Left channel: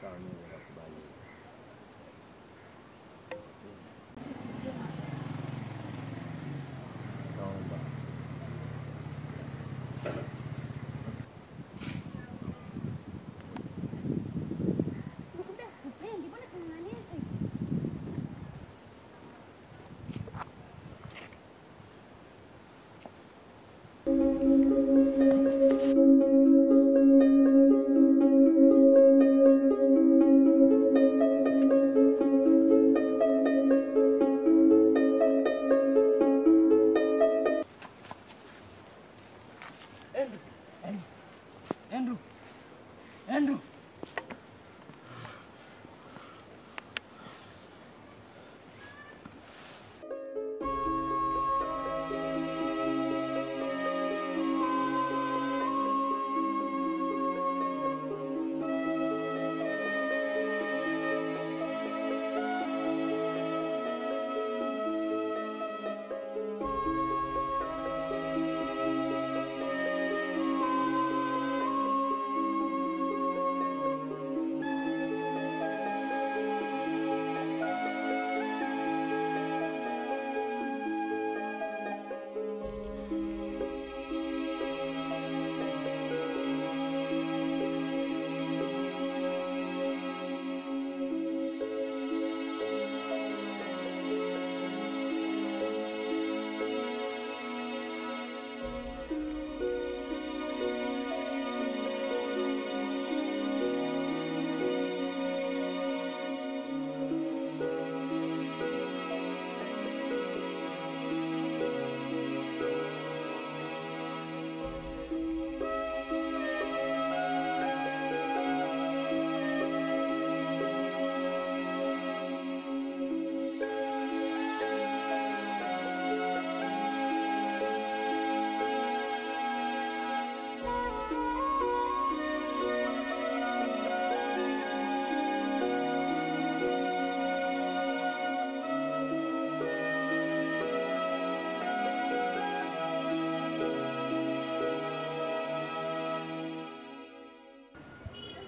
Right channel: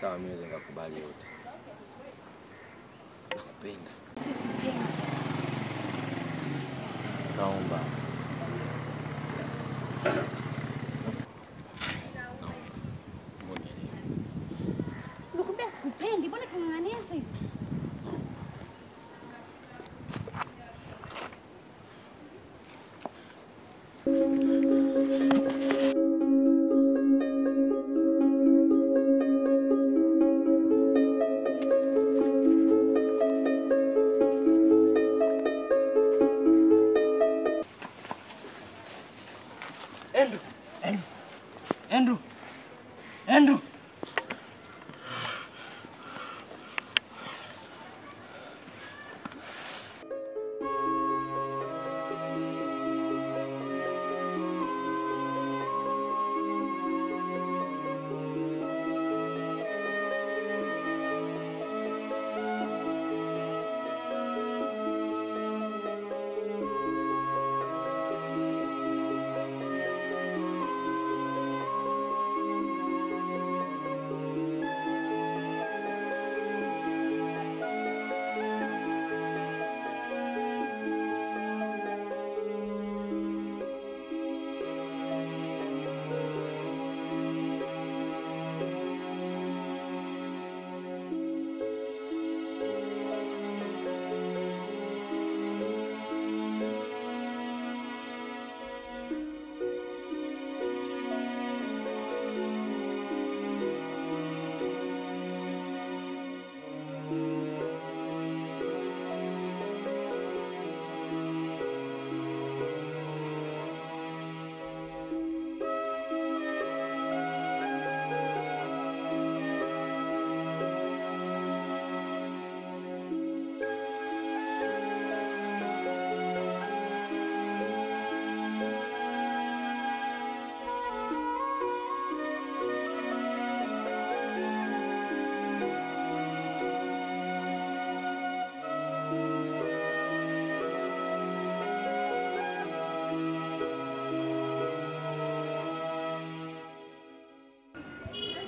Sawa, mimi naweza nikakubali yote. Nakupenda. Sikupendi. Naomba. Nakwambia sikupendi, mbona king'ang'anizi? Andrew.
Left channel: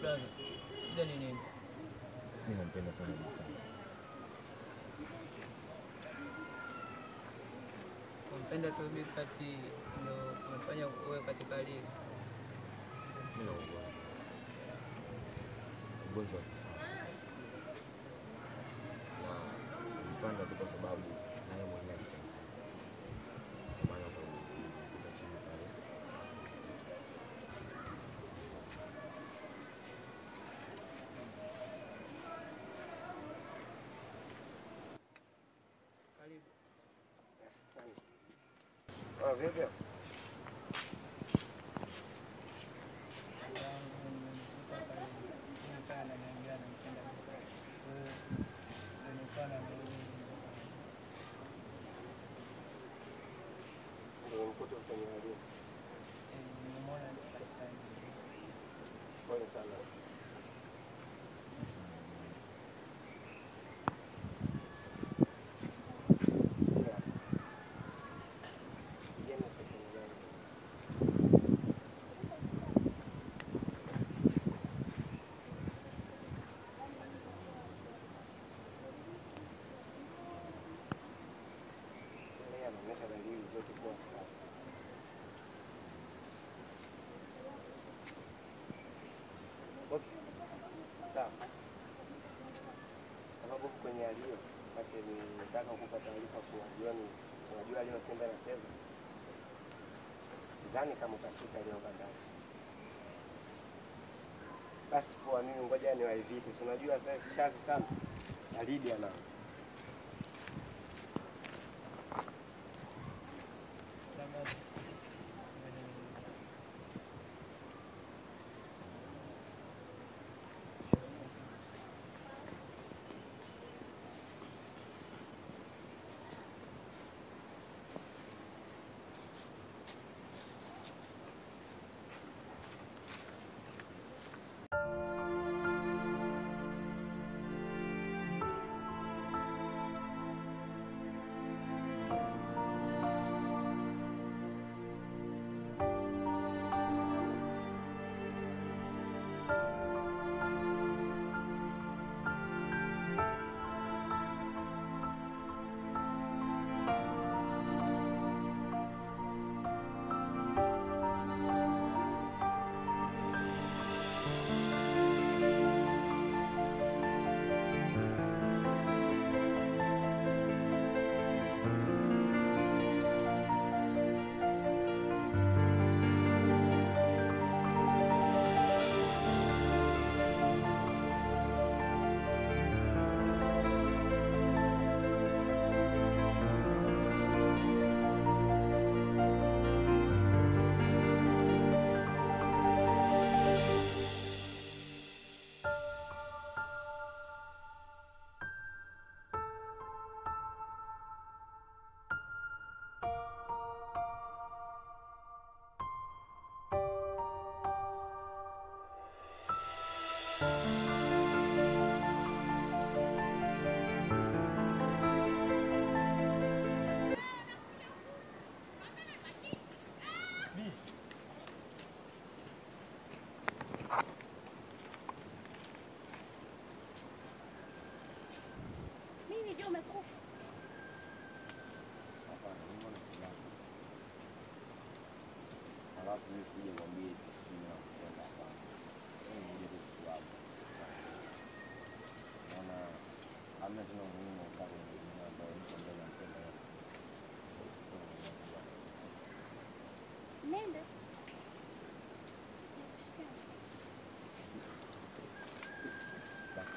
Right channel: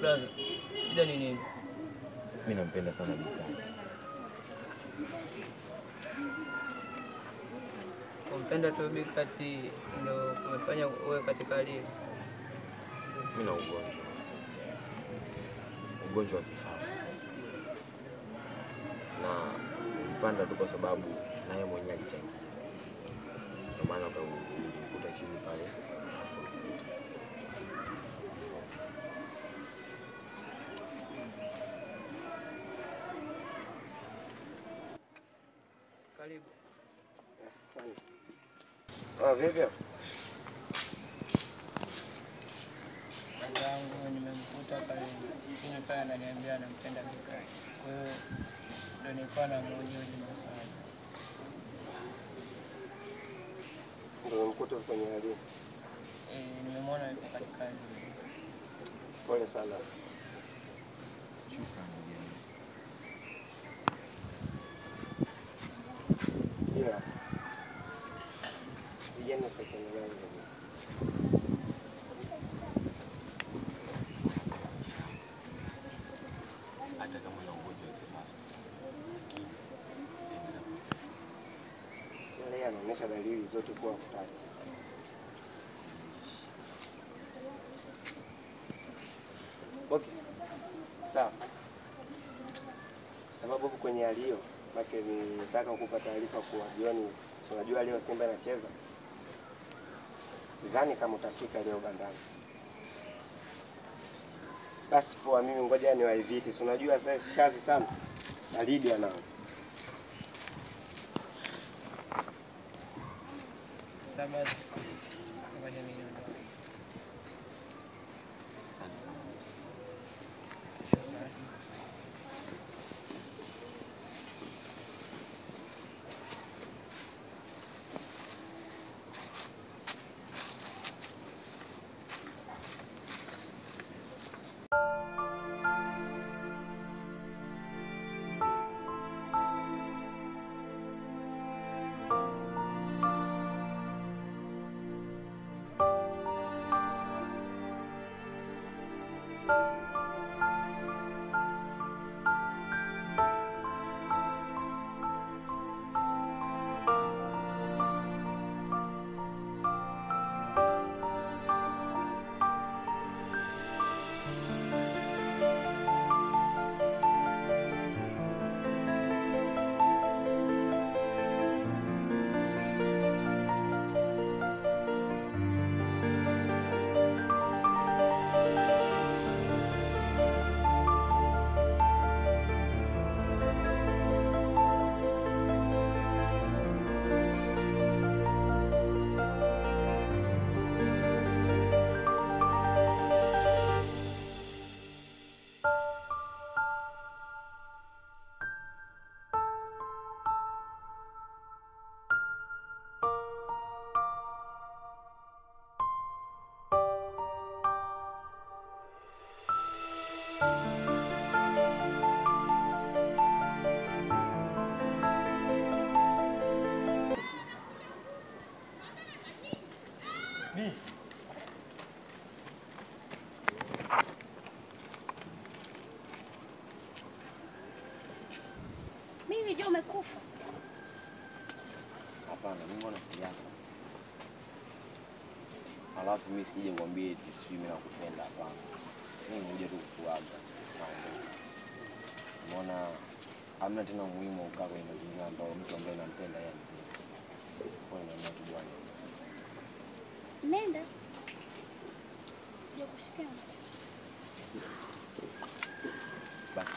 Brother, shida ni nini? Mimi nampenda sana Bikati. Kumpenda tu Bikati ndio kumefanya uwe katika hali hii? Mimi na ugonjwa. Ugonjwa wa kifafa. Na mpanda tu kwa sababu naye mwenyewe alichangia. Kwa maana kwa kukuta chini pale. Karibu. Vipi? Zangu nimemkuta pale chini pale ananiambia anampenda Bikati. Kwa hiyo ndio nilikuwa namuhoji maswali. Ndio mkuta kwenye hali. Nimemwona yuko katika hali. Pole sana. Shukrani ndugu. Yeah. Vijana sasa nani hivi? Hata kama una ugonjwa wa kifafa. Yeye anaonyesha dalili zote kwa kutaka. Okay. Sawa. Sababu kwenye hali hiyo, make nitaka kukupa taarifa kwa jioni. Unajua leo Simba inacheza. Sidhani kama utafika leo bandani. Basi poa, mimi ngoja niwaiviti. Si unajua sasa shazi sana. Na Lydia nao. Sababu ngoja mimi niondoke. Asante sana. Shukrani. nilijua umekufa. Hapana, mimi mbona si yako. Alafu mimi sije ngwambie eti sijui mimi nakupenda hapana. Mimi ngoja tu kuaga. Umeona hamna tena umuhimu ukaa kwenye mazingira ambayo mtu ambaye nampenda yeye anipenda. Kwa hiyo naomba tu bwana. Nenda. Ndio kushikana. Basi.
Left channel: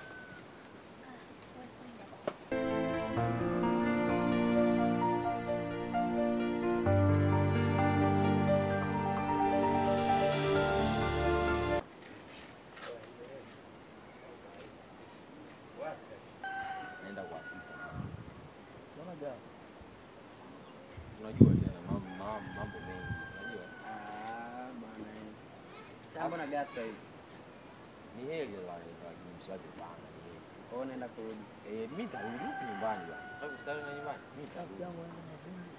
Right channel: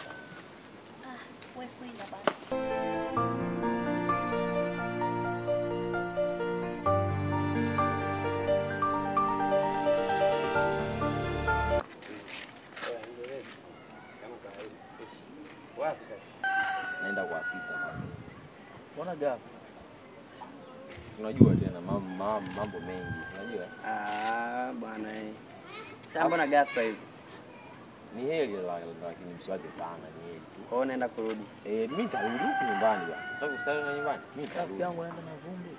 Wewe kwenda basi. Wapi sasa? Naenda kwa afisa kwanza. Mbona ghafla? Unajua tena mambo mengi, unajua? Bwana Sasa mbona ghafla hivi? Ni heri lakini msiwaze sana, ni heri tu. Kwa hiyo naenda kurudi. Mimi nitarudi huko nyumbani bwana. Nataka kusali na nyumbani. Mimi nitarudi. Rafiki yangu anaenda na vumbi.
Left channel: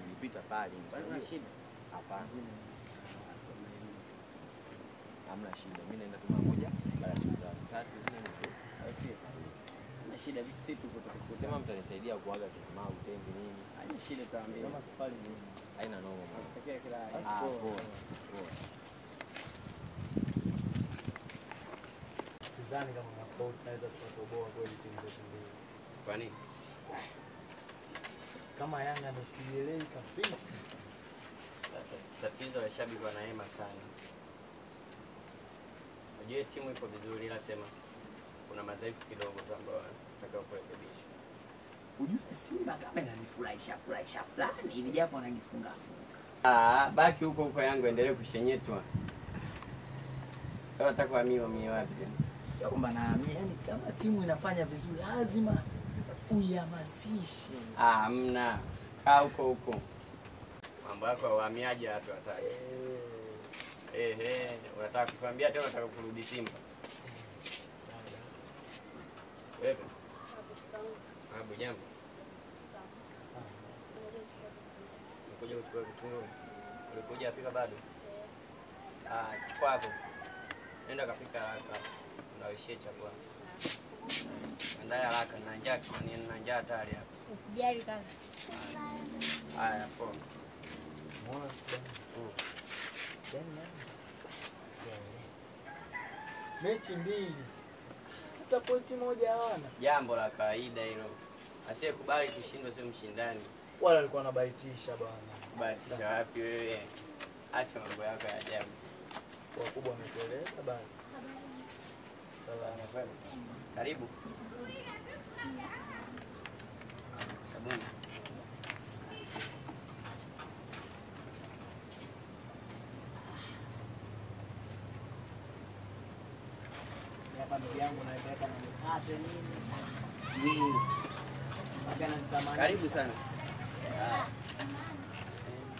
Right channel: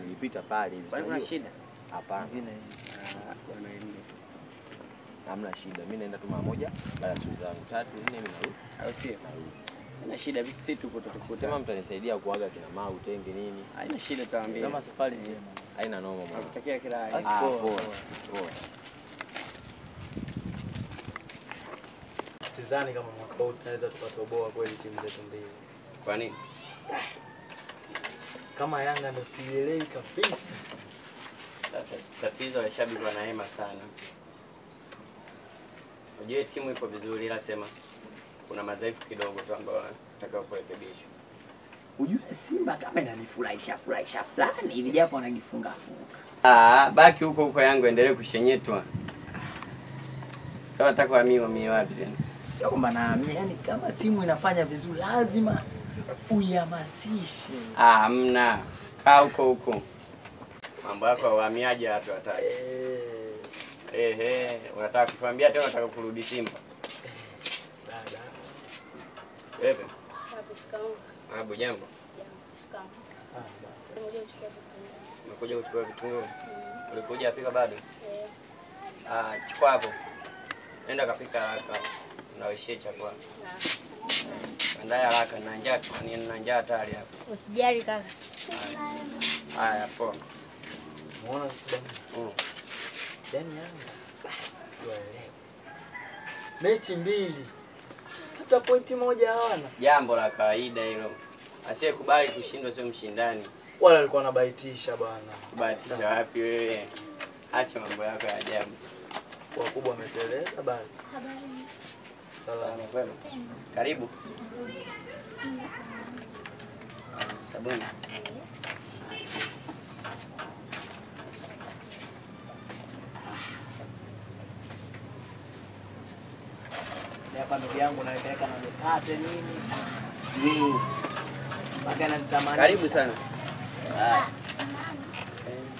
Nilipita pale hivi. Kwani kuna shida? Hapana. Bwana ende. Hamna shida. Mimi naenda tu mara moja, baada ya siku zangu 3 4 mimi narudi. Au sio? Haina shida, sisi tuko tutakuta. Sema mtanisaidia kuaga kina mau utenge nini? Haina shida, tutawaambia. Kama safari njema. Haina noma mwana. Nakutakia kila heri. Poa. Sidhani kama mwaka huu tunaweza tukatoboa kweli timu zetu mbili. Kwa nini? Kama Yanga ndo sielewi kabisa. Tatizo la shabiki wanaema sana. Unajua timu ipo vizuri, ila sema kuna madhaifu kidogo tu ambayo nataka kurekebishwa. Ujue Simba kama inanifurahisha fulani hivi japo anajifunga funga. Baki huko yangu endelee kushenyetwa. Sasa nataka mimi wapi tena? Sio kwamba naamini, yani kama timu inafanya vizuri lazima uihamasishe. Hamna. Kaa huko. Mambo yako ya uhamiaji watu hataki. Unataka kutuambia tena unataka kurudi Simba? Dada. Wewe? Shikamoo. Jambo. Jambo. Shikamoo. Nimekuja kuchukua vitunguu. Umekuja kuchukua vitunguu? Ulikuja apika bado? Chukua hapo. Nenda kapika haraka. Nawishie chakula. Andaa haraka, na njaa hatari hapo. Usijali kaka. Haya, poa. Muona Simba? Yaani Yanga siwaelewi. Mechi mbili. Hata pointi moja hawana. Jambo la kawaida hilo. Asiyekubali kushindwa sio mshindani. Wala alikuwa anabaitisha bwana. Kubahatisha wapi wewe? Acha mambo yako ya ajabu. Wakubwa wameteleza basi. Habari. Salama kwema. Karibu. Sabuni. Hapa ndugu yangu naipeleka na mikate nini? Mpaka nazitamani. Karibu sana.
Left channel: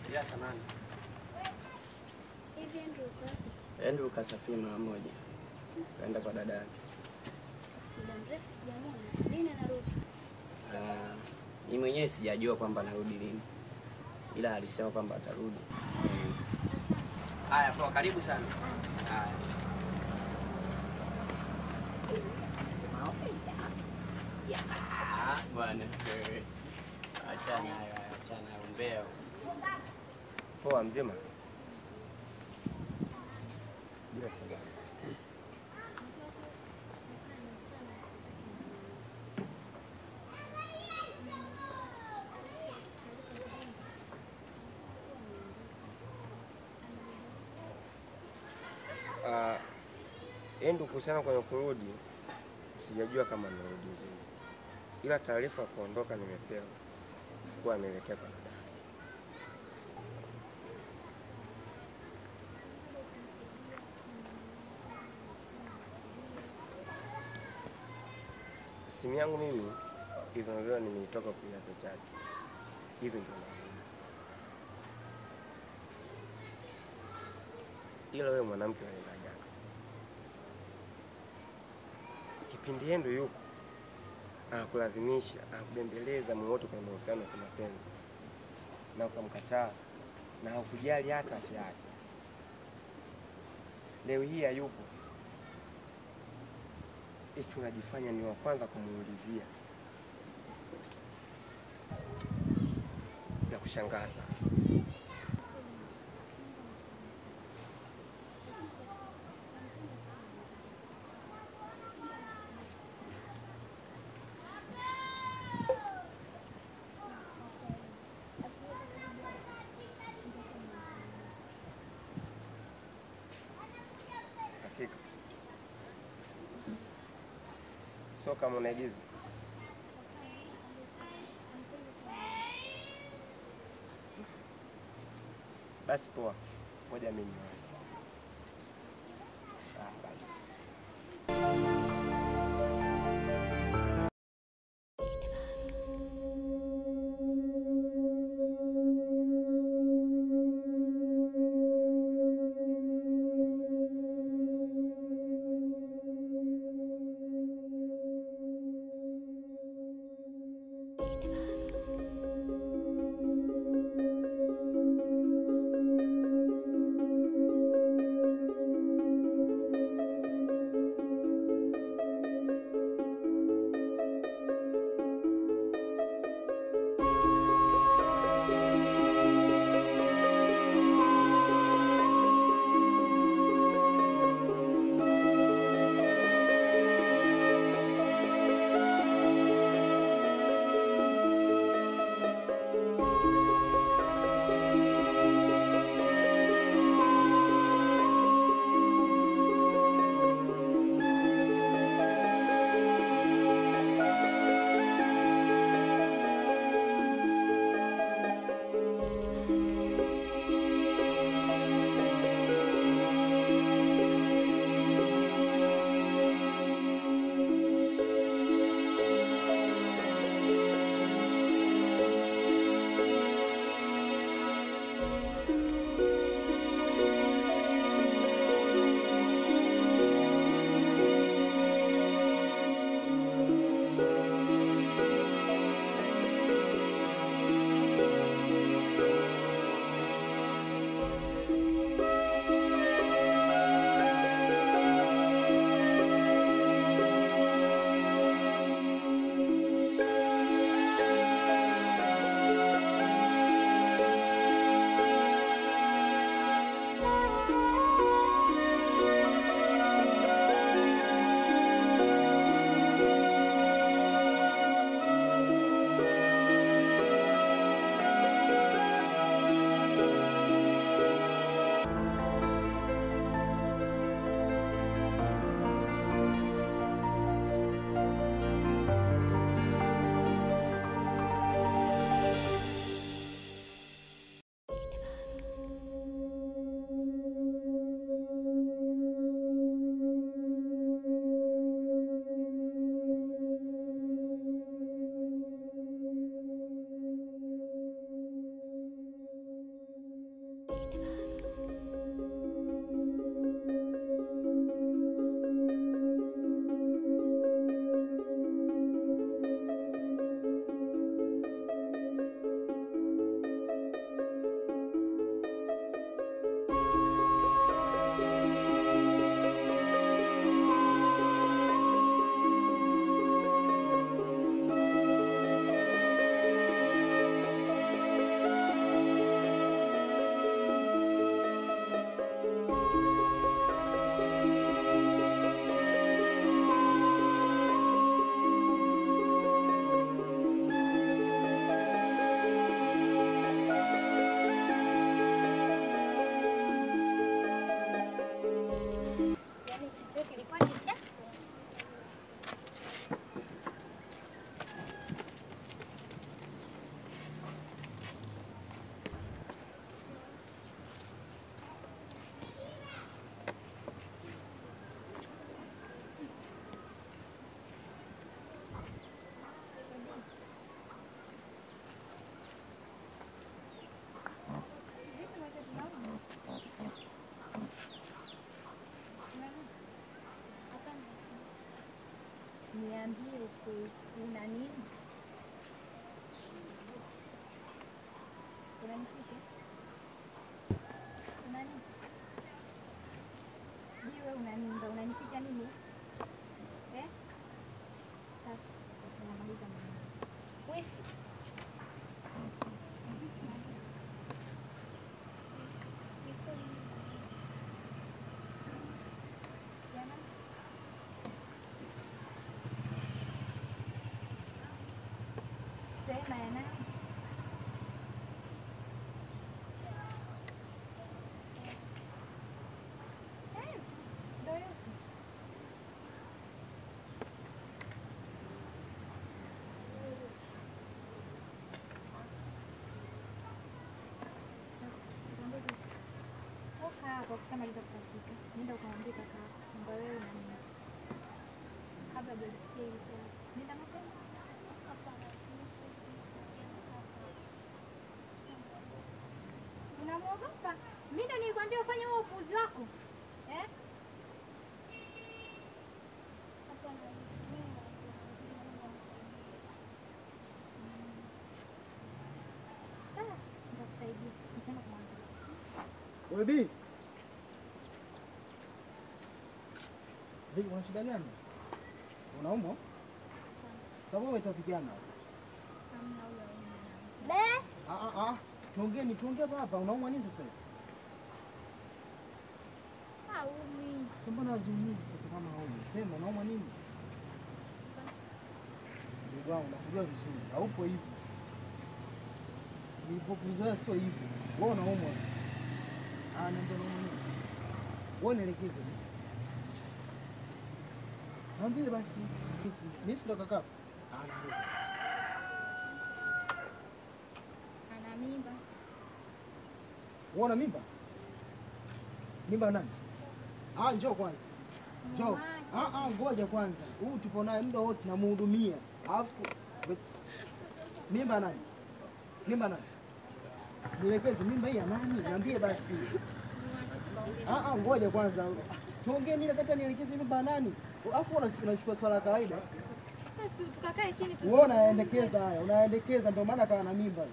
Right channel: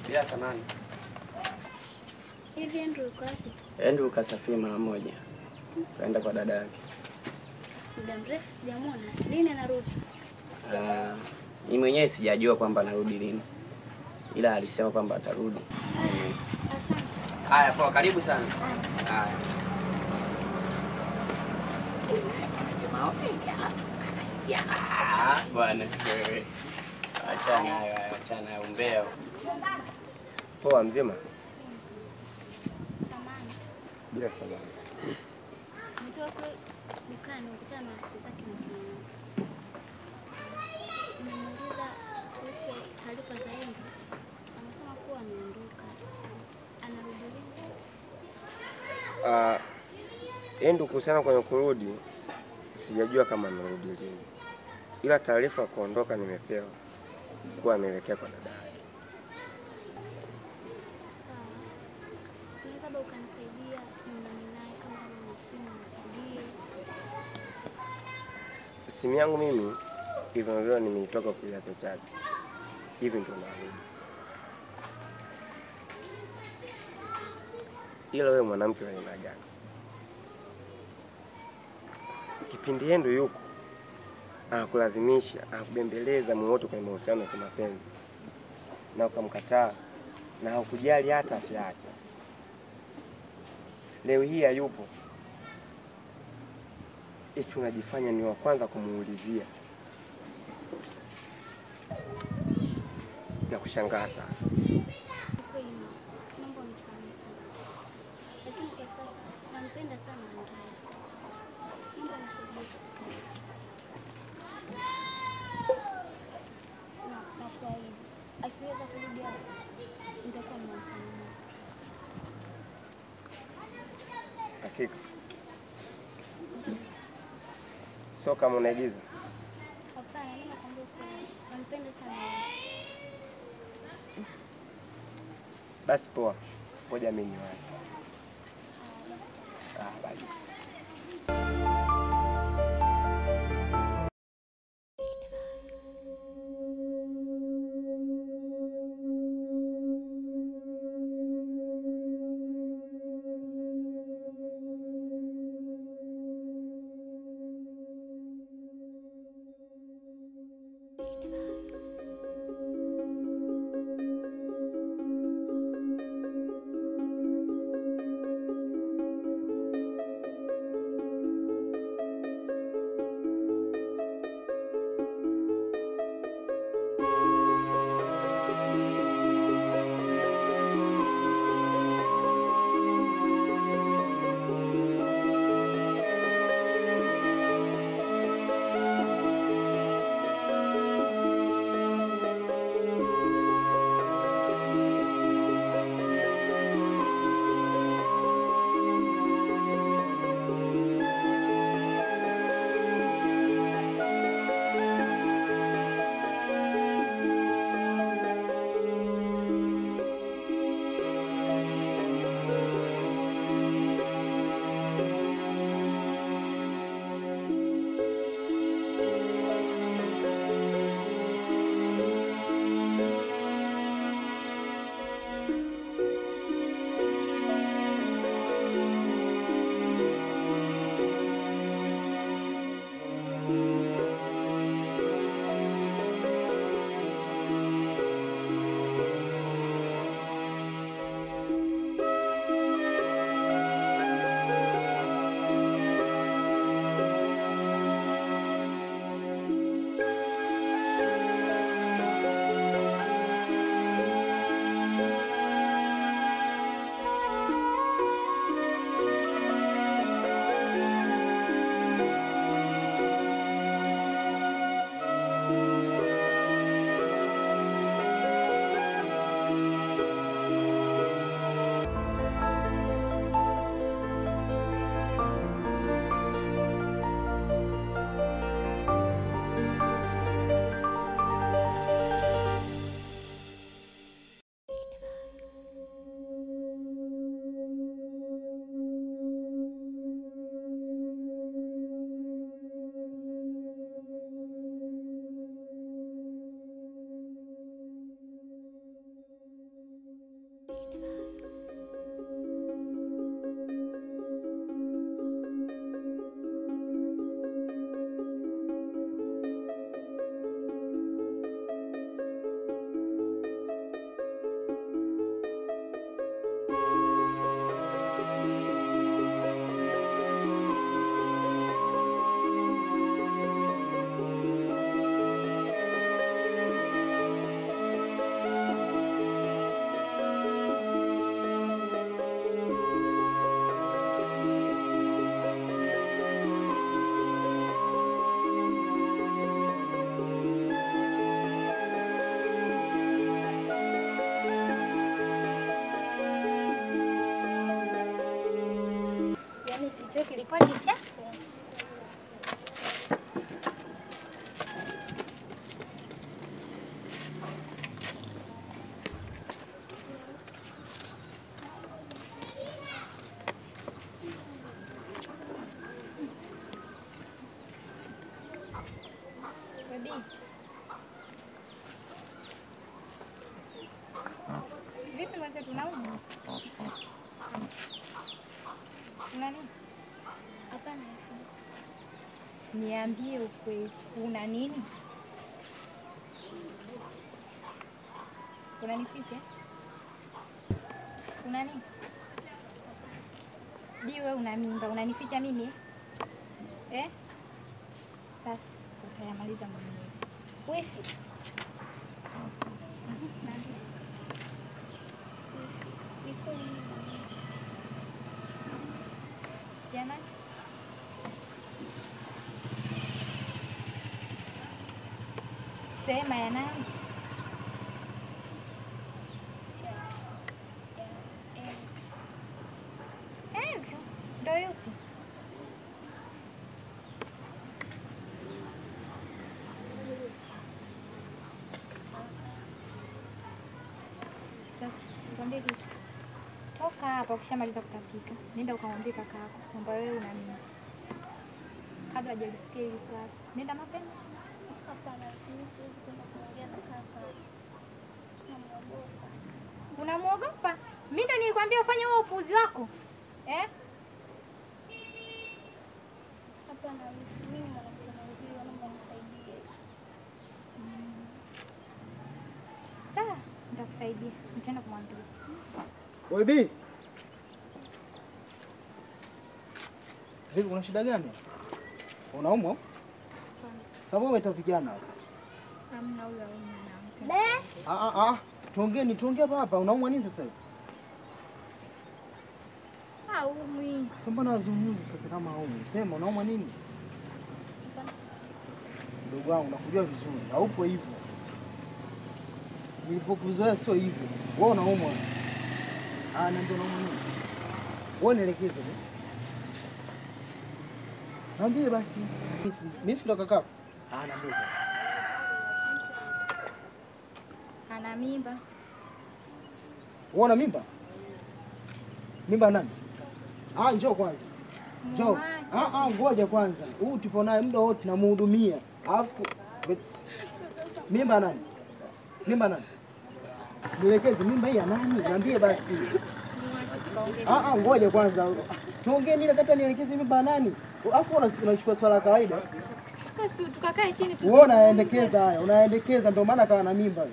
Bila samani. Hivi Andrew uko wapi? Andrew kasafiri mara moja. Kaenda kwa dada yake. Muda mrefu sijamuona. Lini anarudi? Mimi mwenyewe sijajua kwamba anarudi lini. Ila alisema kwamba atarudi. Asante. Haya, poa, karibu sana. Haya. Bwana wewe. Achana umbea. Poa mzima? Samani. Bila samani. Mtoto dukani ukutana na rafiki zake na mwanangu. Nimemuuliza kuhusu taarifa za Enzi. Amesema kuwa ameondoka. Anarudi lini? Endu kuhusiana kwenye kurudi sijajua kama amerudi lini. Ila taarifa ya kuondoka nimepewa kuwa ameelekea kwa dada yake. Sawa. Unaweza ukanisaidia nione naye kama ana simu nipigie. Simu yangu mimi hivyo leo nimeitoka kuiacha chaji. Hivi ndio narudi. Ila wewe mwanamke wa aina gani? Kipindi Endu yuko anakulazimisha, anakubembeleza mwoto kwenye mahusiano ya kimapenzi na ukamkataa na haukujali hata afya yake. Leo hii hayupo, eti unajifanya ni wa kwanza kumuulizia. Ya kushangaza. Kweli mambo ni sana sana. Lakini kwa sasa nampenda sana Andrea. Mambo nisaidie katika hili. Na kuahidi akiweza kurudi hapa nitakuwa nimewasiliana. Hakika. Sio kama unaigiza. Hapana, mimi nakwambia kweli. Nampenda sana yeye. Basi poa. Ngoja mimi niwahi. Bye. Niambie ukweli, una nini? Unanificha? Una nini? Diwe una mimba, unanificha mimi? utamaliza mwenyewe. Wifi. Jana? Sema ya nani? Andrew, ndo yupi? Sasa, nikwambie kitu. Toka hapa ukishamaliza kutapika. Nenda ukamwambie kaka yako kwamba wewe una nini. Kabla hajalisikia hili swali. Nenda mapema. Hapana, mimi siwezi kwenda kuongea na kaka. Namuogopa. Unamuogopa? Mimi ndo nilikwambia ufanye huo upuuzi wako. Eh? Hapana, mimi ni mwanamke mwenzio, naomba unisaidie. Sawa, nitakusaidia. Nitaenda kumwambia. Oi Bi. Vipi kuna shida gani? Unaumwa? Sababu umetafikiana. Hamna huyo na mtu. Tuongee hapa. Unaumwa nini sasa hivi? Haumwi. Sasa mbona wazungumzi sasa kama haumwi? Sema unaumwa nini? Ndugu wangu nakujua vizuri. Haupo hivyo. Nilivyokuzoea sio hivyo. Wewe unaumwa. Niambia unaumwa nini? Wewe nielekeze. Niambie basi. Mimi si ndo kaka. Niambie sasa. Ana mimba. Wewe una mimba? Mimba nani? Njoo kwanza. Njoo. Ngoja kwanza. Huyu tupo naye muda wote tunamhudumia. Alafu mimba nani? Mimba nani? Nielekeze mimba hii ya nani? Niambie basi. Muache tukaongee. Ngoja kwanza. Tuongee nini kata nielekeze mimba nani? Alafu unachukua swala la kawaida. Sasa tukakae chini tu. Wewe unaendekeza ndio maana kawa na mimba.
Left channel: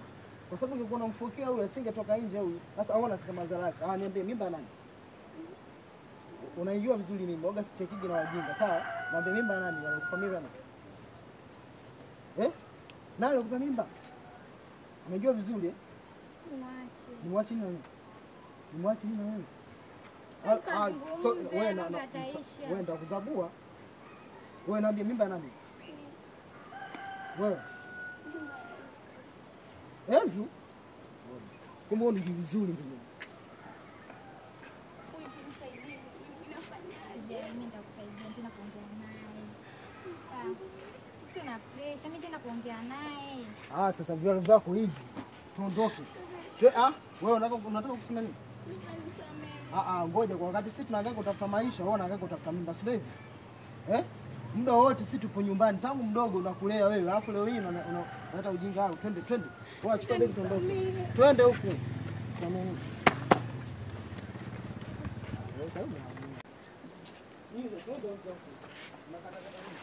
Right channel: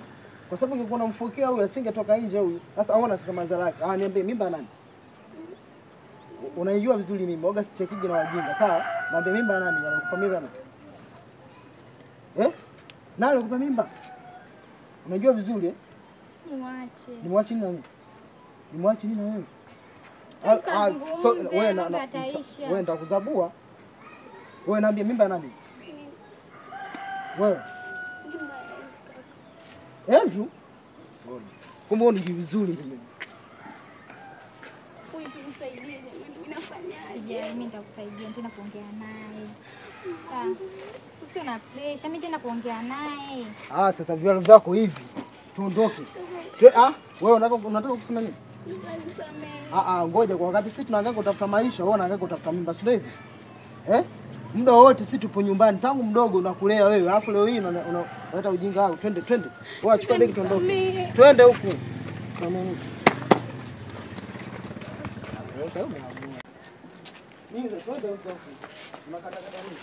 Kwa sababu ungekuwa unamfokea huyu asingetoka nje huyu. Sasa aona sasa madhara yake. Niambie mimba nani? Unaijua vizuri mimba. Oga sichekije na wajinga. Sawa? Niambie mimba nani? Anakupa mimba nani? Nani anakupa mimba? Unajua vizuri Muache. Nimwache nini na mimi? Nimwache nini na wewe? Wewe nitakuzabua. Wewe niambie mimba nani? Wewe. Andrew? Kumbe unijui vizuri mimi. Wewe nisaidie jamani, mimi nafanyaje? Sijai, mimi nitakusaidia tena kuongea naye. Sawa. Usio na pressure, mimi tena kuongea naye. Sasa viatu vyako hivi. Tuondoke. Wewe unataka kusema nini? Nisamehe. Ngoja kwa wakati sisi tunaangalia kutafuta maisha, wewe unaangalia kutafuta mimba, sio hivi? Muda wote sisi tupo nyumbani tangu mdogo unakulea wewe. Alafu leo hii unaleta ujinga wako. Twende. Wewe achukua begi tuondoke. Twende huku. Twende huko. Unakatakata nini?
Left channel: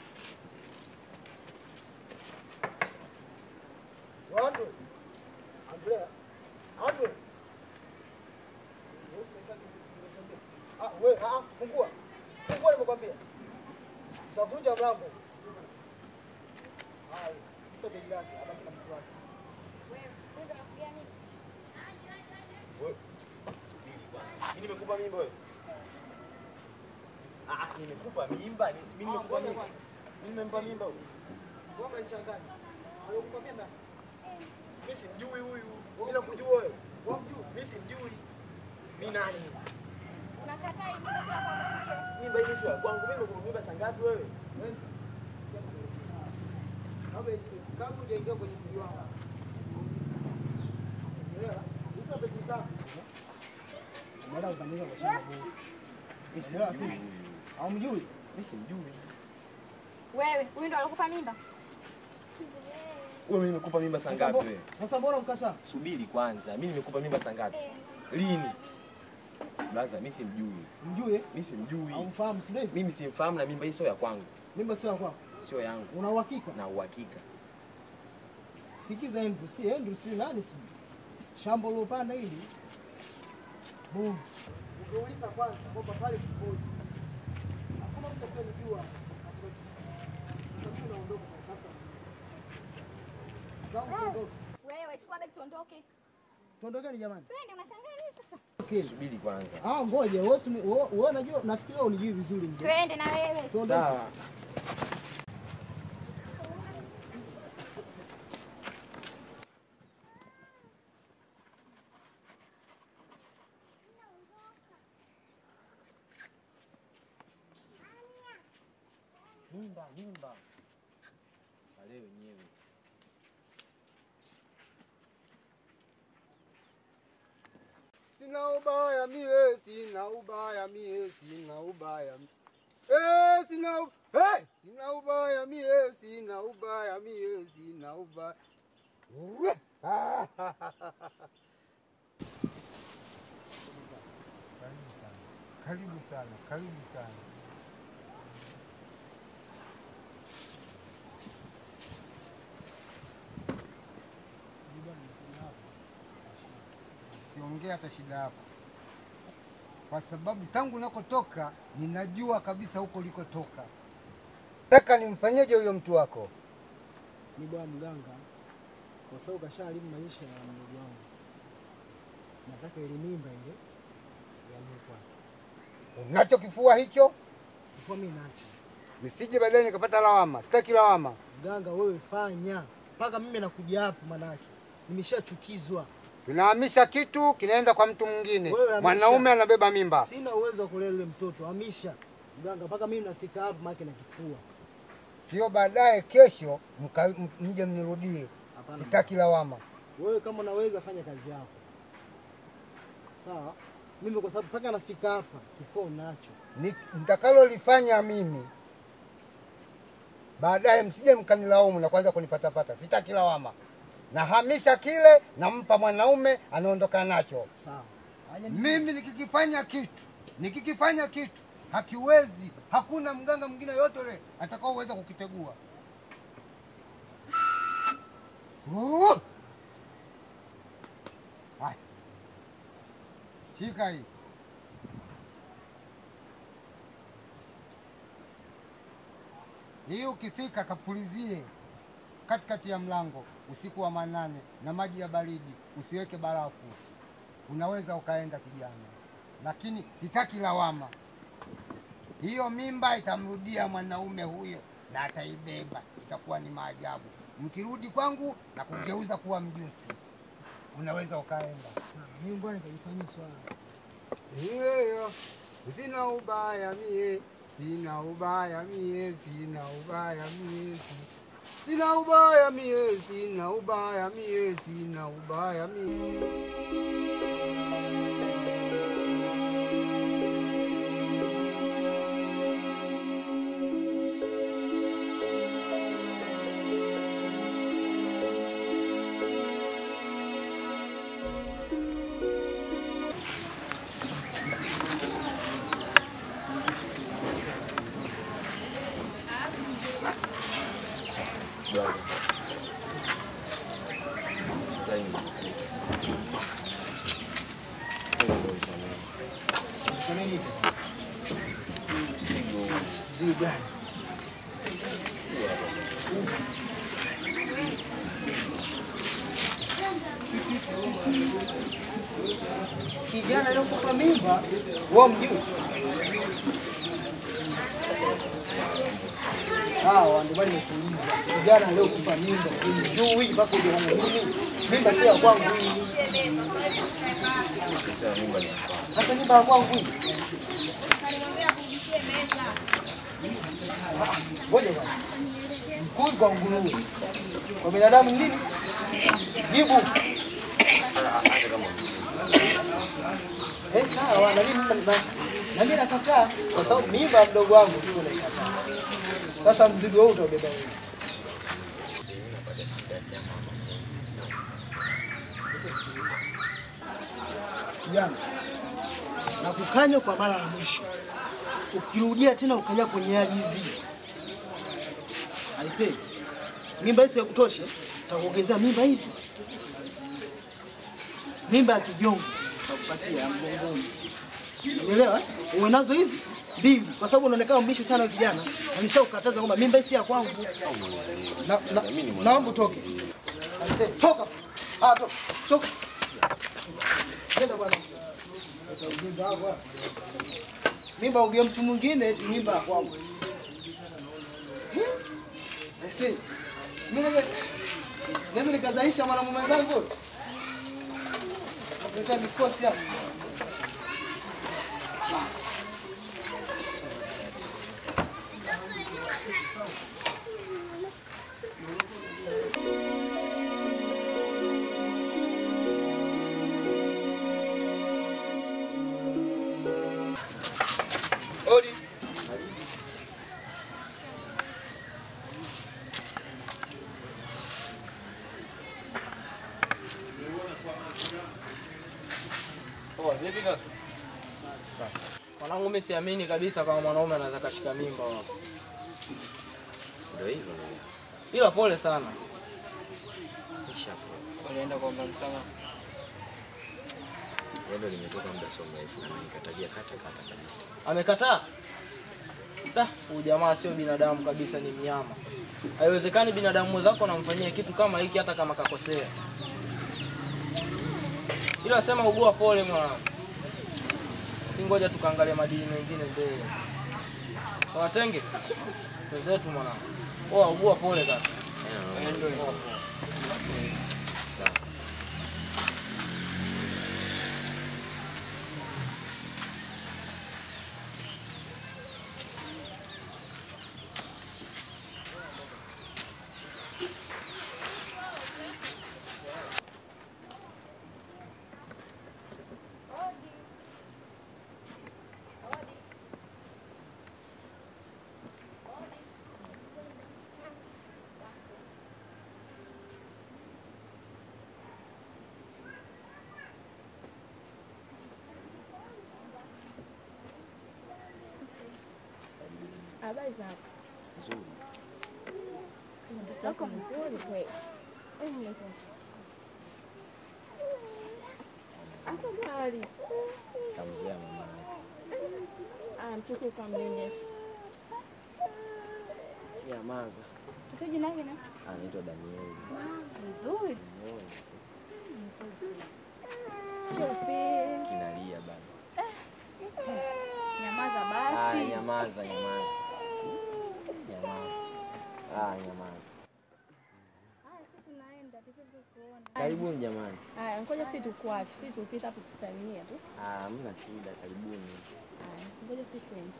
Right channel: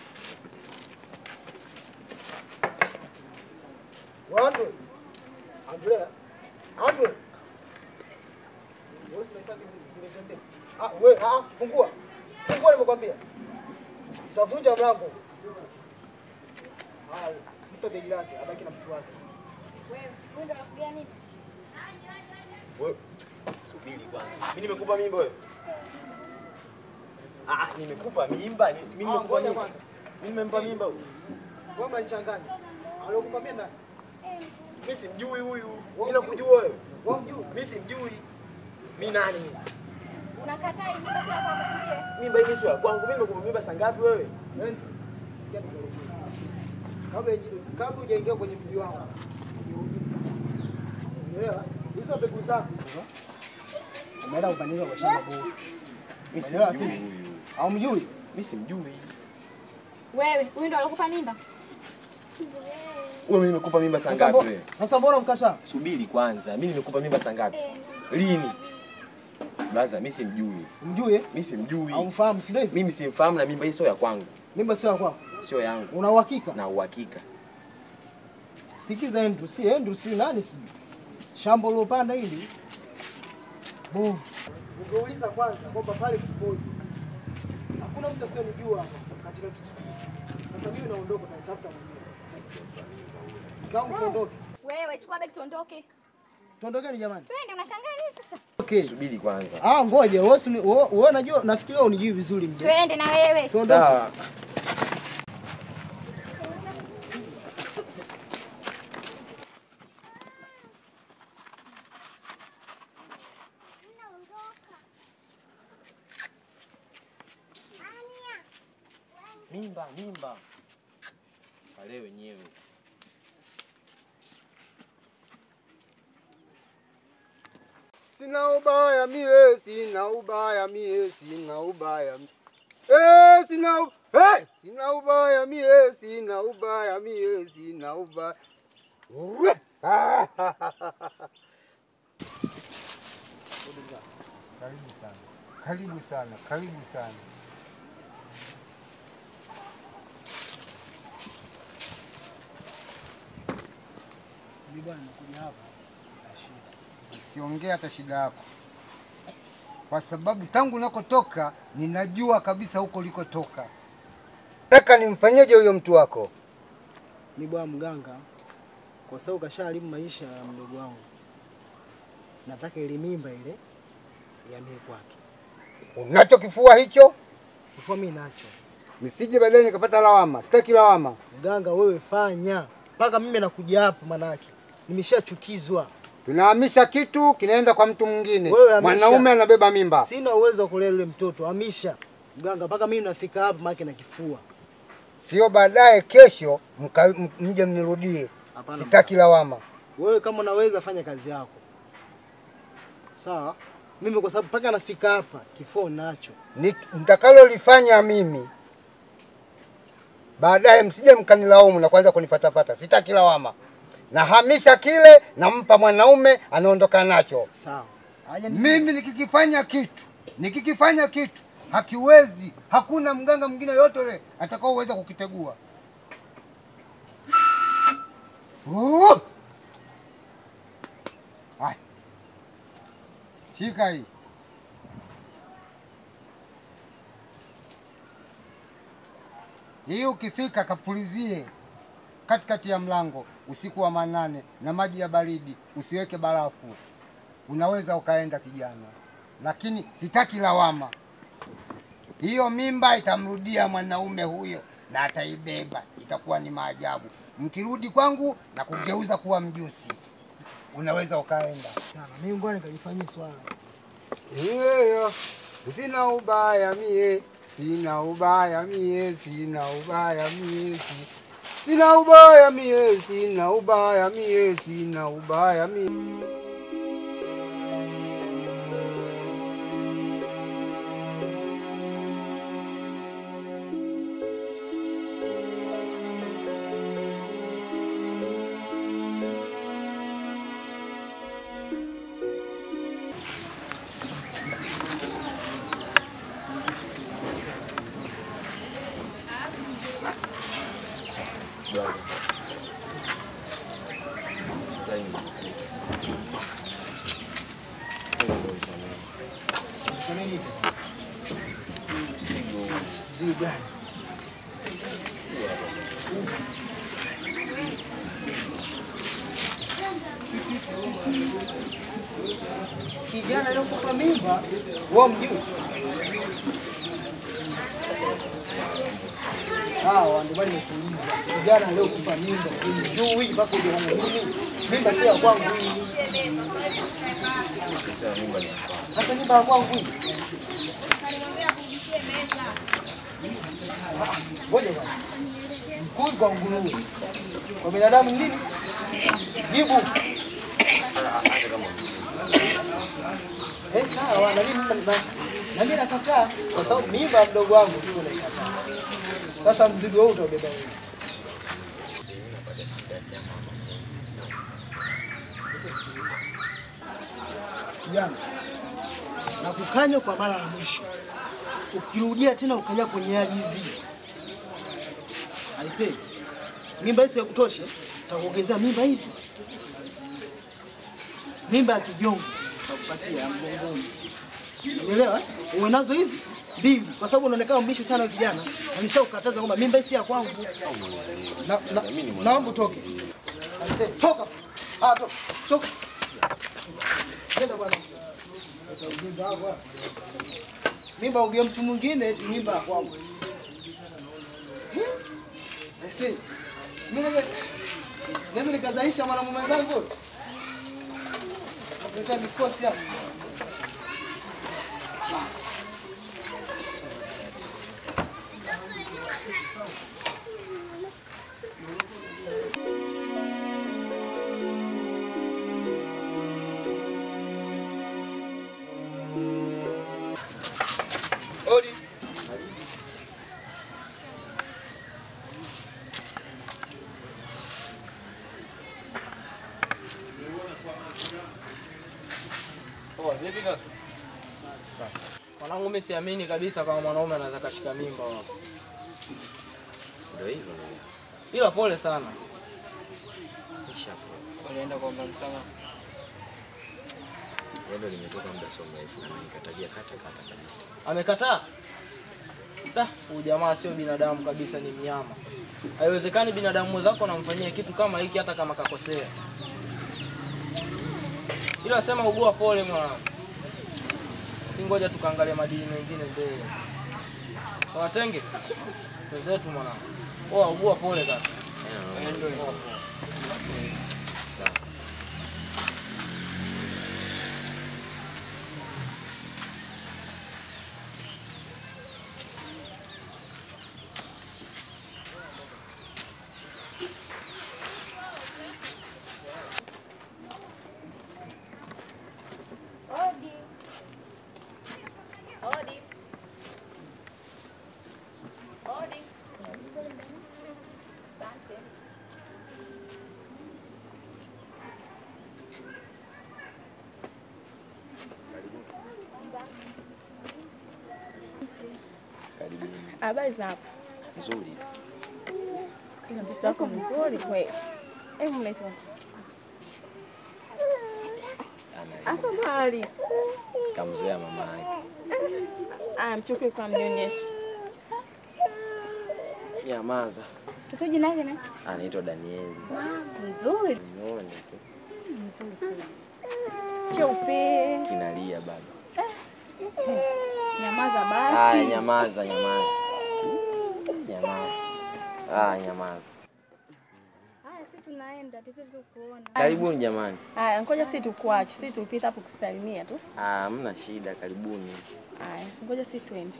Watu. Andrea. Wewe unaitaka wewe fungua. Fungua nimekwambia. Utavunja mlango. Mpe begi lake, abaki na mtu wake. Wewe ndio unakuja nini? Wewe subiri kwanza. Mimi nimekupa mimba wewe? Nimekupa mimba. Mimi nimekupa mimba. Mimi nimempa mimba huyu. Wewe mnachanganya. Alikupa mimba nani? Mimi simjui huyu. Mimi nakujua wewe. Wewe mjui? Mimi simjui. Mimi nani mimi? Unakataa hii mimba sio yako kusikie? Mimba hii sio ya kwangu. Mimi nimekupa mimba saa ngapi wewe? Sikia nikuelekeze. Kabla hujaingia kwenye mji wangu, ungeuliza. Unaelewa? Hizo mbegu zako. Umeenda kupandisha kwa shamba bovu. Mimi simjui huyu. Haumjui? Mimi simjui. Wewe, huyu ndo alikupa mimba? Wewe nimekupa mimba saa ngapi wewe? Sasa mbona mkataa? Subiri kwanza. Mimi nimekupa mimba saa ngapi? Lini? Blaza, mimi simjui. Mjui? Mimi simjui. Haumfahamu si ndio? Mimi simfahamu na mimba hii sio ya kwangu. Mimba sio ya kwako. Sio yangu. Una uhakika? Na uhakika. Sikiza Andrew, si nani si? Shamba lilopanda hili. Bovu. Ungeuliza kwanza kwamba pale kupoje. Hakuna mtu asionijua katika kijiji. Sasa mimi naondoka na nitafuta mwenyewe. sijampa mimba huyo. Kama tuondoke. Wewe chukua begi tuondoke. Tuondokeni jamani. Twende, unashangaa nini sasa? Okay. Subiri kwanza. Ngoja, wewe unajua nafikiri wewe unijui vizuri mzee. Twende na wewe. Tuondoke. Sawa. Mimba. Pale wenyewe. Sina ubaya mie. Sina ubaya mie. Sina ubaya mie. Karibu sana. Mimi bwana nakuja hapa na shida. Usiongea hata shida yako, kwa sababu tangu nakotoka ninajua kabisa huko ulikotoka. Nataka nimfanyeje huyo mtu wako? Mimi bwana mganga, kwa sababu kashaharibu maisha ya mdogo wangu. Nataka ile mimba ile ihamie kwake. Unacho kifua hicho? Kifua mimi nacho. Nisije baadaye nikapata lawama. Sitaki lawama. Mganga wewe fanya. Mpaka mimi nakuja hapa manaki. Nimeshachukizwa. Tunahamisha kitu kinaenda kwa mtu mwingine. Mwanaume anabeba mimba. Sina uwezo wa kulea yule mtoto. Hamisha. Mganga mpaka mimi nafika hapa maki na kifua. Sio baadaye kesho mje mnirudie. Sitaki lawama. Wewe kama unaweza fanya kazi yako. Sawa? Mimi kwa sababu mpaka nafika hapa kifua nacho. Nitakalolifanya mimi baadaye msije mkanilaumu na kuanza kunifatafata. Sitaki lawama. Nahamisha kile, nampa mwanaume, anaondoka nacho. Sawa. Mimi nikikifanya kitu hakiwezi, hakuna mganga mwingine yote yule atakao uweza kukitegua. Hai. Shika hii. Hii ukifika kapulizie katikati ya mlango usiku wa manane na maji ya baridi, usiweke barafu. Unaweza ukaenda kijana, lakini sitaki lawama. Hiyo mimba itamrudia mwanaume huyo na ataibeba, itakuwa ni maajabu. Mkirudi kwangu na kugeuza kuwa mjusi, unaweza ukaenda. Sana. Mimi ngoja nikajifanyie swala. Sina ubaya mie. Sina ubaya mie. Mzigo gani? Kijana aliyokupa mimba, wewe mjui? Sawa, ndio bali nikuuliza. Kijana aliyokupa mimba, unijui mpaka uje kwangu mimi? Mimba sio ya kwangu hii. Sasa mimba ni yako. Hata mimba ya kwangu hii. Ngoja bwana. Mkuu kwa nguruwe. Kwa binadamu nini? Jibu. Sawa, na mimi nakataa kwa sababu mimba ya mdogo wangu ndio naikataa. Sasa mzigo huu utaubeba wewe. Kijana, nakukanya kwa mara ya mwisho. Ukirudia tena ukanya kwenye hali hizi, aisee, mimba hizi ya kutosha, utakuongezea mimba hizi. Mimba ya kivyongo utakupatia mgongoni. Unaelewa? Uwe nazo hizi 2, kwa sababu unaonekana mbishi sana kijana. Nilishakukataza kwamba mimba si ya kwangu. Naomba utoke. Alisema toka. Toka. Toka. Nenda bwana. Mimba uge mtu mwingine eti mimba ya kwangu. Ese. Mimi naweza nikazalisha mwanamume wenzangu. Ndio mikosi hapa. Odi. Vipi kaka? Sawa. Mwanangu mimi siamini kabisa kama mwanaume anaweza kashika mimba hapo. Ndio hivyo. Ila pole sana. Walienda kuomba msamaha. Ndio limetoka muda sio mrefu na nikatalia kata kabisa. Amekataa? Huyu jamaa sio binadamu kabisa, ni mnyama. Haiwezekani binadamu mwenzako anamfanyia kitu kama hiki hata kama kakosea. Ila sema ugua pole mwanangu. Si ngoja tukaangalia madini mengine mbele. Sawa tenge? Wenzetu mwanangu. Ugua pole kaka. Sawa. Habari za hapa? Nzuri. Ina mtoto wako mzuri kweli. Hebu mlete. Asa bali. Kamzoea mama yake. Mchoke kwa mnyonyesha. Nyamaza. Mtoto jina lake nani? Anaitwa Danieli. Mzuri. Muone tu. Mzuri kweli. Cheupe. Kinalia bado. Nyamaza basi. Nyamaza. Nyamaza. Nyamaza. Haya, sisi tunaenda tupite kuona. Karibuni jamani. Ngoja sisi tukuache. Sisi tupita hapo kusalimia tu. Hamna shida, karibuni. Ngoja sisi twende.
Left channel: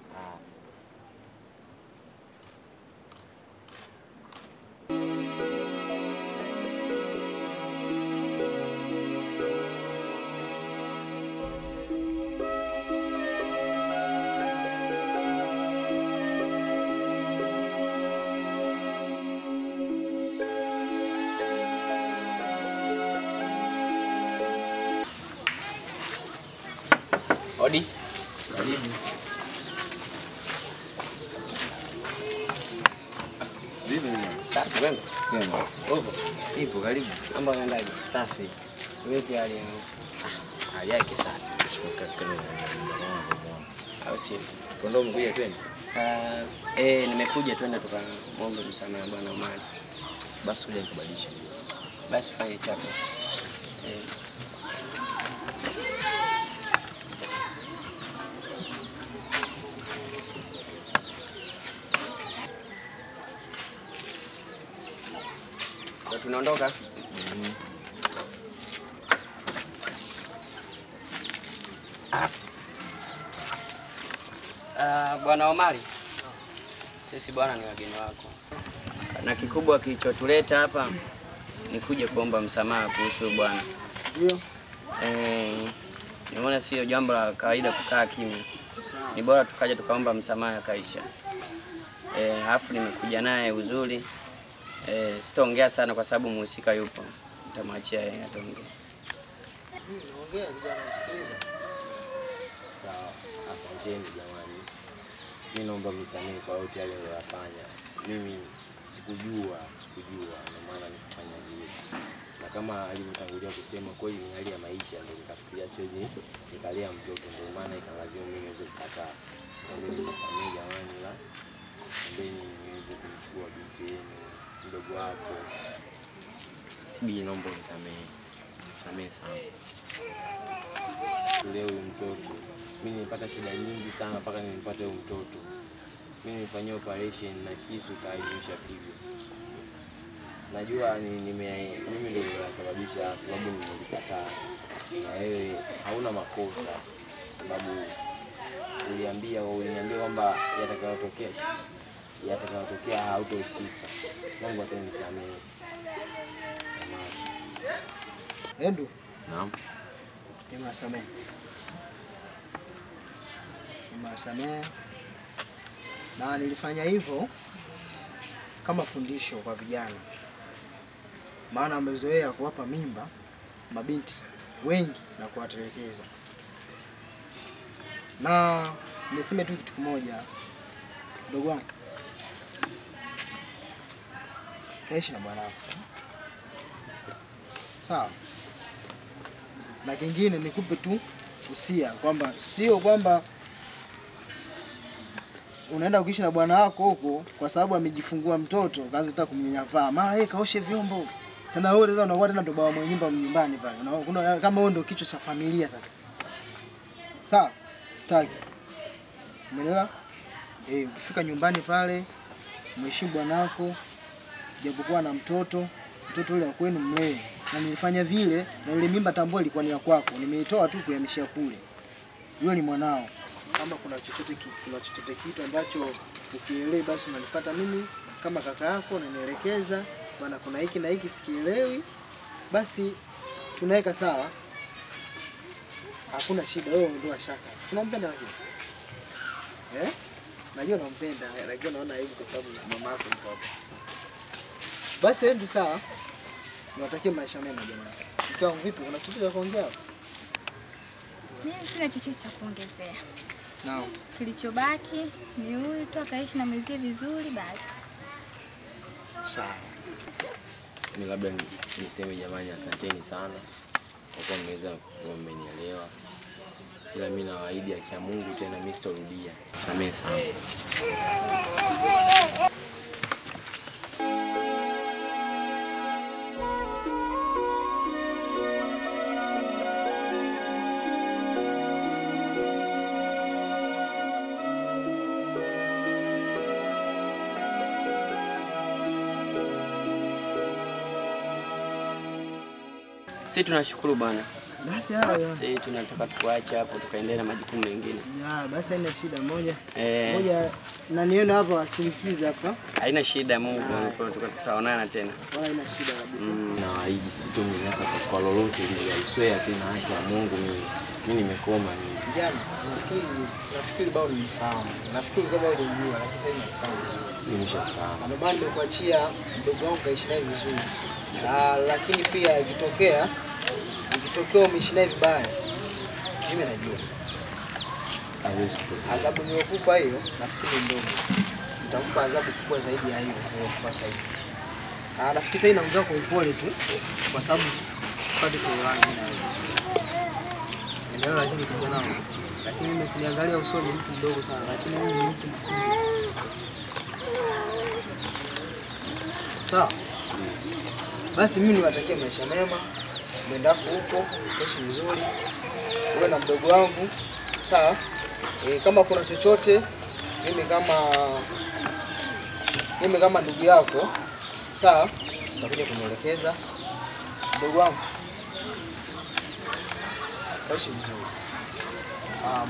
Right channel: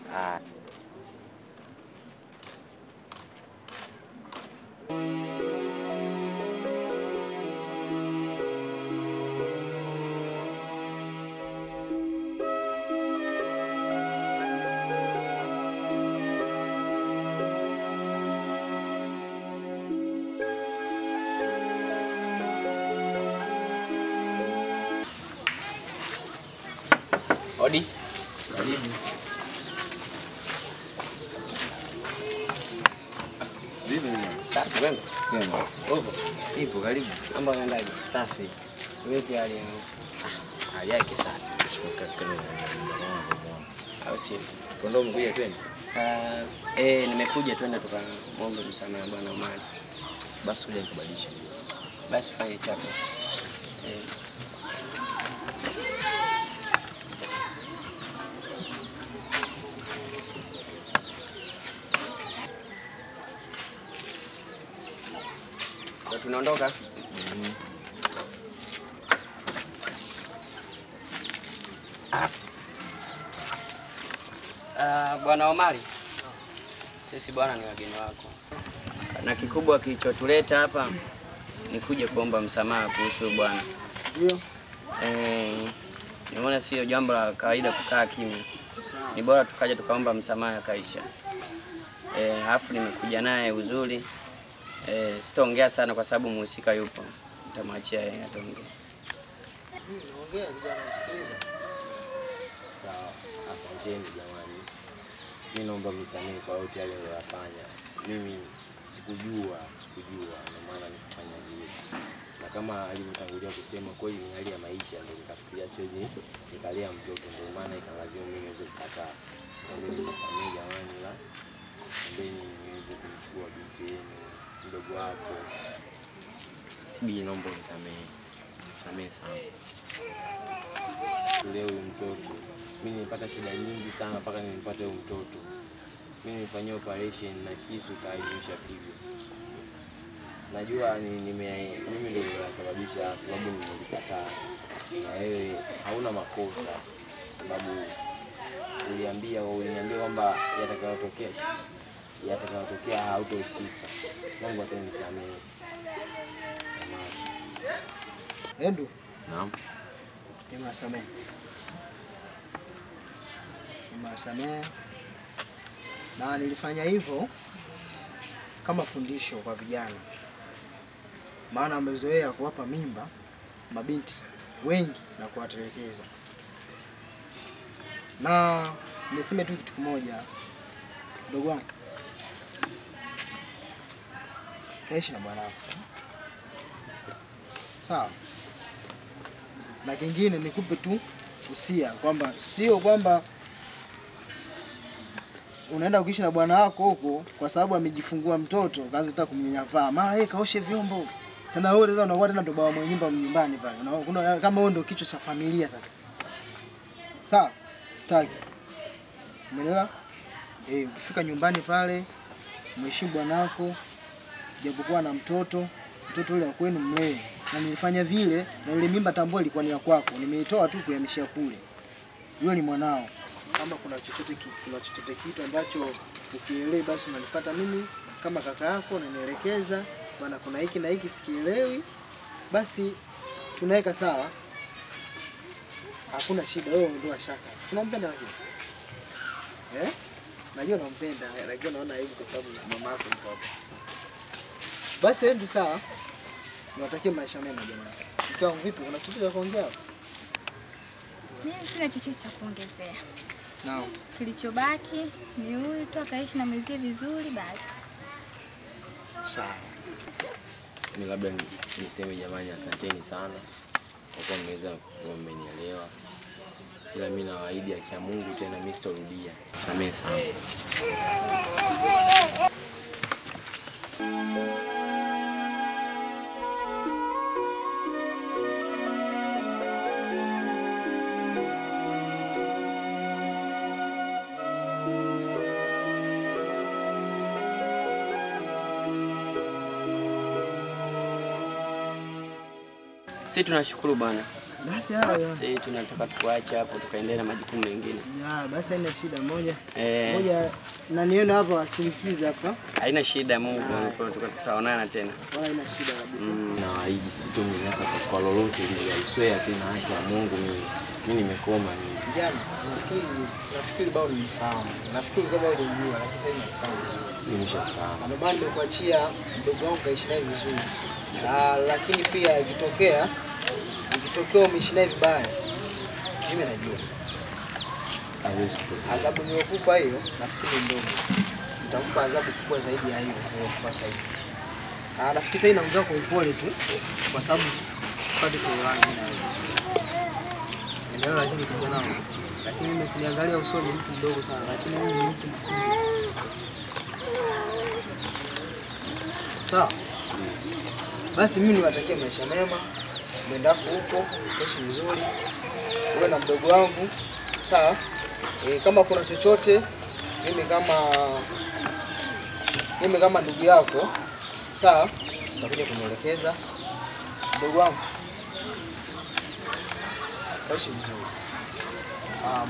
Odi. Karibu. Vipi mimi? Safi wewe? Kwema. Upo? Ipo karibu. Mambo yanaendaje? Safi. Vipi hali yako? Hali yake safi. Sipokaa kana Au sio? Kondo mkuja twende. Nimekuja twende tukamwombe msamaha bwana Omari. Basi uje nikubadilishe. Basi fanye chako. Tunaondoka. Bwana Omari, sisi bwana ni wageni wako, na kikubwa kilichotuleta hapa ni kuja kuomba msamaha kuhusu bwana. Ndio. Nimeona sio jambo la kawaida kukaa kimya, ni bora tukaja tukaomba msamaha kaisha. Alafu nimekuja naye uzuri. Sitaongea sana kwa sababu mhusika yupo. Nitamwachia yeye ataongea. Ongea kijana, msikilize. Sawa. Asanteni jamani. Mimi naomba msamaha kwa yote yale niliyofanya. Mimi sikujua ndio maana nikafanya hivyo. na kama alivyotangulia kusema kweli ni hali ya maisha, ndio nikafikiria siwezi nikalea mtoto, ndio maana ikalazimu mimi niweze kukataa. Ndio nikasamea jamani, la ndio niweze kumchukua binti yenu mdogo wako. Bi, naomba unisamehe sana. Leo huyu mtoto mimi nilipata shida nyingi sana mpaka nilipata huyu mtoto. Mimi nilifanyia operation na kisu kaivisha pigo. Najua mimi ndio nilisababisha, sababu nilikataa. Na wewe hauna makosa, sababu uliniambia kwamba yatakayotokea hautohusika. Mungu atanisamehe. Endu. Naam. Nimewasamehe. Na nilifanya hivyo kama fundisho kwa vijana. Maana wamezoea kuwapa mimba mabinti wengi na kuwatelekeza. Na niseme tu kitu kimoja, ndugu wangu. Kaishi na bwana wako sasa. Sawa. Na kingine nikupe tu usia kwamba sio kwamba unaenda kuishi na bwana wako huko kwa sababu amejifungua mtoto kaanza hata kumnyanyapaa. Mara kaoshe vyombo. Tena wewe unaweza unakuwa tena ndo baba mwenye nyumba nyumbani pale. Kuna kama wewe ndo kichwa cha familia sasa. Sawa? Staki. Umeelewa? Ukifika nyumbani pale mheshimu bwana wako, japokuwa na mtoto yule wa kwenu mlee. Na nilifanya vile na ile mimba tambua ilikuwa ni ya kwako. Nimeitoa tu kuhamishia kule. Yule ni mwanao. Kama kuna chochote kitu ambacho ukielewi basi unanifuata mimi kama kaka yako na nielekeza bwana, kuna hiki na hiki sikielewi, basi tunaweka sawa. Hakuna shida, wewe ndio shaka. Si unampenda lakini? Najua unampenda, lakini naona aibu kwa sababu mama yako yuko hapa. Basi ndio sawa. Niwatakie maisha mema jamani. Mkiwa vipi? Una kitu cha kuongea? Mimi sina chochote cha kuongezea. Naam. Kilichobaki ni huyu tu akaishi na mwenzie vizuri basi. Sawa. Mimi labda niseme jamani, asanteni sana kwa kuwa mmeweza mmenielewa. Ila mimi nawaahidi akia Mungu tena mimi sitarudia. Samehe sana. Sisi tunashukuru bwana. Basi hayo. Sisi tunataka tuache hapo tukaendelea na majukumu mengine. Basi haina shida moja. Moja na nione hapo asindikize hapa. Haina shida, Mungu tutaonana tena. Haina shida kabisa. Na hii sitomnyanyasa kwa lolote ile, aiswea tena haki ya Mungu mimi nimekoma mimi. Kijana, nafikiri bado unifahamu. Nafikiri kama wewe unajua, lakini sasa nimefahamu. Nimeshafahamu. Na maana nimekuachia mdogo wangu kaishi naye vizuri. Lakini pia ikitokea umeishi naye vibaya, mimi najua. Hawezi kutokea. Adhabu niliyokupa hiyo nafikiri ndogo. Nitampa adhabu kubwa zaidi ya hiyo niliyokupa sasa hivi. Nafikiri sasa inaongea kwa upole tu kwa sababu pale kwa rangi na ndio, lakini kijana wangu, lakini mimi kuniangalia usoni mtu mdogo sana, lakini mimi ni mtu mkubwa. Sawa? Basi mimi niwatakie maisha mema. Mwendako huko, kaishi vizuri. Wewe na mdogo wangu. Sawa? Kama kuna chochote mimi kama ndugu yako, sawa? Utakuja kunielekeza. Mdogo wangu. Kaishi vizuri.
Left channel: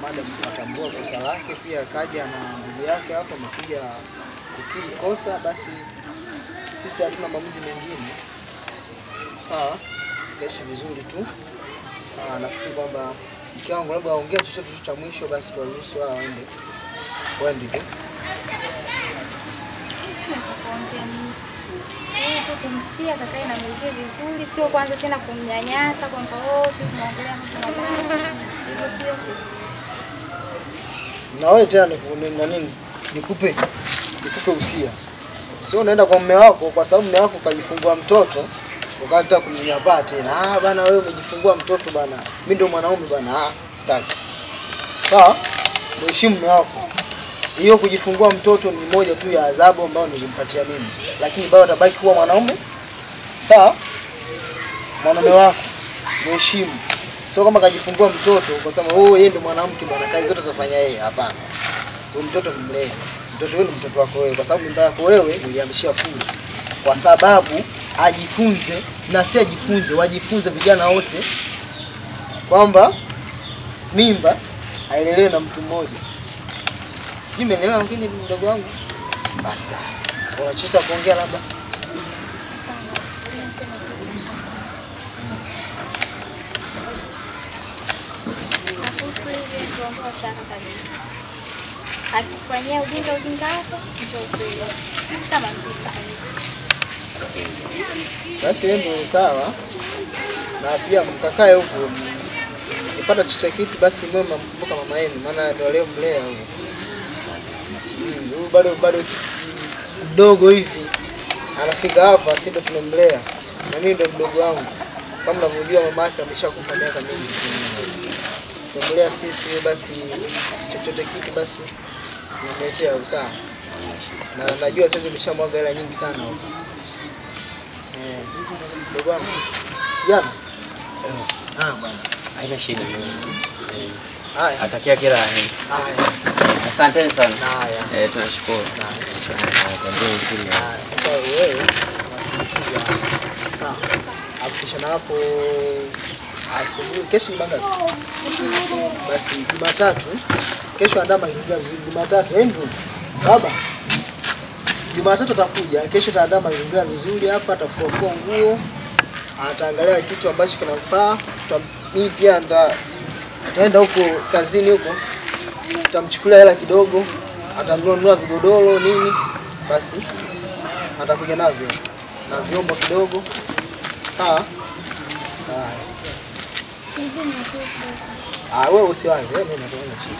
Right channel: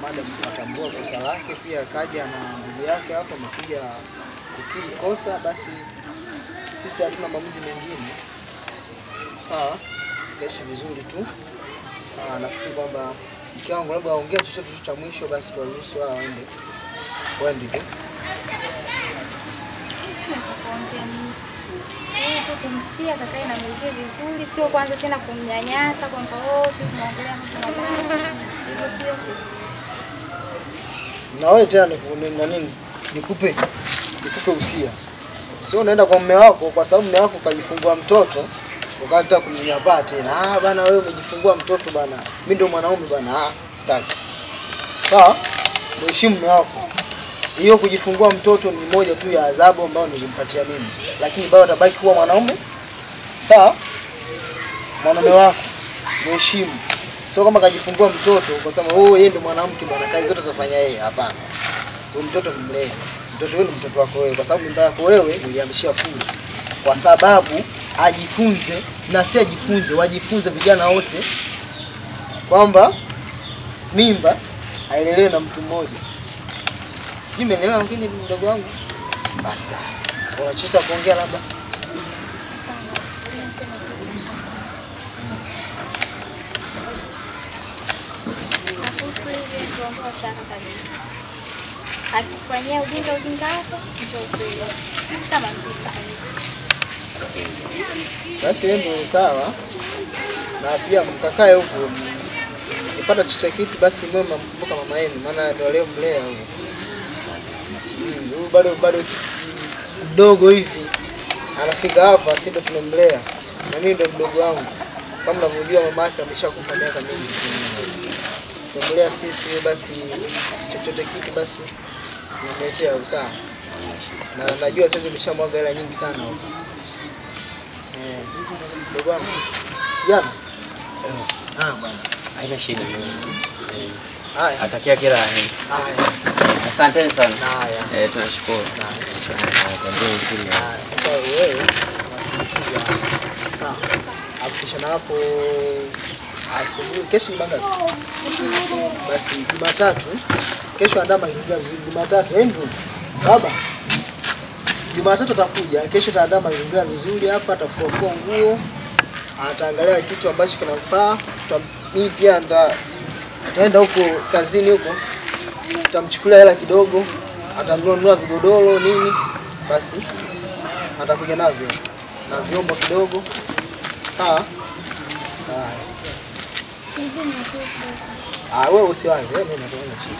Madam atambua kosa lake, pia kaja na ndugu yake hapa amekuja kukiri kosa, basi sisi hatuna maamuzi mengine. Sawa? Kaishi vizuri tu. Nafikiri kwamba mke wangu labda aongea chochote cha mwisho, basi tuwaruhusu wao waende. Waende tu. Sina cha kuongea mimi. Kumsia kakae na mwenzie vizuri, sio kwanza tena kumnyanyasa kwamba si tunaongelea mambo mabaya. Hivyo sio vizuri. Na wewe tena nikupe usia. Sio unaenda kwa mume wako kwa sababu mume wako kajifungua mtoto, Ukataka kumnyanyapaa tena. Bana wewe umejifungua mtoto bana. Mimi ndio mwanaume bana. Sitaki. Sawa? Mheshimu mume wako. Hiyo kujifungua mtoto ni moja tu ya adhabu ambayo nilimpatia mimi. Lakini bado atabaki kuwa mwanaume. Sawa? Mwanaume wako mheshimu. Sio kama kajifungua mtoto kwa sababu yeye ndio mwanamke bwana, kazi zote atafanya yeye. Hapana. Huyo mtoto mlee. Mtoto wewe ni mtoto wako wewe kwa sababu mimba yako wewe nilihamishia kule. Kwa sababu ajifunze na si ajifunze, wajifunze vijana wote kwamba mimba hailelewi na mtu mmoja. Sijui umeelewa lakini mdogo wangu. Basi. Unachota kuongea labda. Akifanyia ujinga wako, njoo kweli. Sisi kama mtu basi ndio sawa. Na pia mkakae huko. Ukipata chochote kitu basi mwe mkumbuka mama yenu maana ndio leo mlea huko. Huyu bado mdogo hivi. Anafika hapa sisi ndio tumemlea. Na mimi ndio mdogo wangu. Kama unavyojua mama yake ameshakufa miaka mingi. Tumlea sisi basi chochote kitu basi nimeachia sawa. Na najua sasa umeshamwaga hela nyingi sana huko. Ndugu wangu. Jana. Bwana. Haina shida mimi. Haya. Atakia kila heri. Haya. Asante sana. Haya. Tunashukuru. Asante kile. Sasa wewe wasikiza. Sawa. Hakikisha na hapo asubuhi kesho ni bangapi? Basi Jumatatu. Kesho andaa mazingira vizuri. Jumatatu Andrew. Baba. Jumatatu atakuja. Kesho ataandaa mazingira vizuri hapa, atafua nguo. Ataangalia kitu ambacho kinamfaa. Mimi pia ataenda huko kazini huko. Tutamchukulia hela kidogo. Atanunua vigodoro nini? Basi atakuja navyo. Na vyombo kidogo. Sawa? Wewe usiwaze, wewe ndio unaona chini.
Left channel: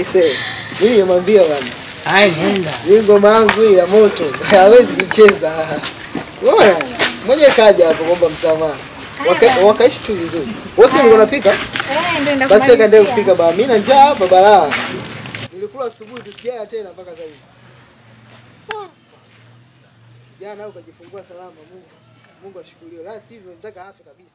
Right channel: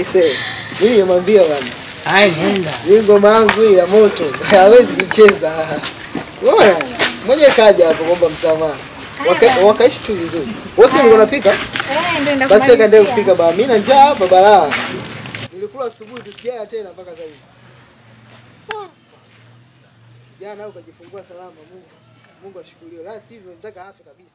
Ise. Mimi nimwambia bwana. Nenda. Hii ngoma yangu hii ya moto. Hawezi kucheza. Bora. Mmoja kaja hapo kuomba msamaha. Wakaishi tu vizuri. Wewe ndio unapika? ndio basi akaendelea kupika baba. Mimi na njaa hapa balaa. Nilikula asubuhi tusijala tena mpaka sasa hivi. Jana ukajifungua salama Mungu. Mungu ashukuriwe. La sivyo nitaka afe kabisa.